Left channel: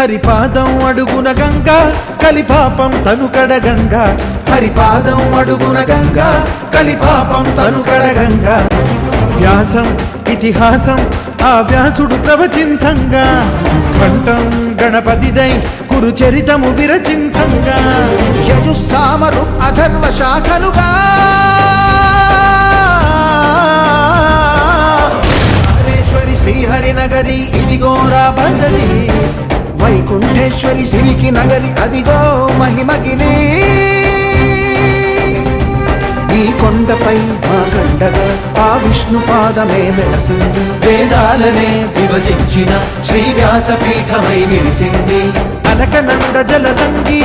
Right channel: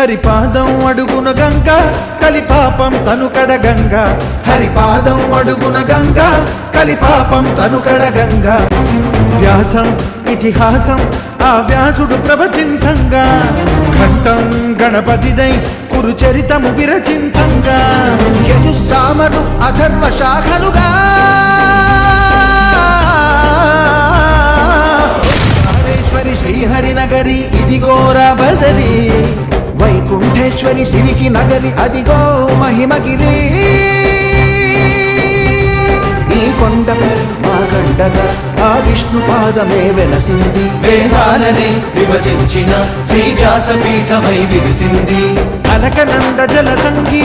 హరిపాదం అడుగున గంగా కలిపాపం తను కడగంగా హరిపాదం అడుగున గంగా కలిపాపం తను కడగంగా వ్యాసం ఇతిహాసం ఆ వ్యాసుడు ప్రవచించంగా ఖండం గణపతిదై కురు చరితము విరచించంగా యజుస్సామను అథర్వ శాఖలుగా రామేశ్వరి శ్రీహరి నగరి ఇదిగో రాబదరి వైకుంఠేశ్వరి శివికి నగరి అదిగో మహిమగిరి ఈ కొండపై పాకండగా ఆ విష్ణు పాదమే వెలసింది వేదాలనే విభజించిన శ్రీ వ్యాసపీఠమై విరిసింది అరగనంద జలదండి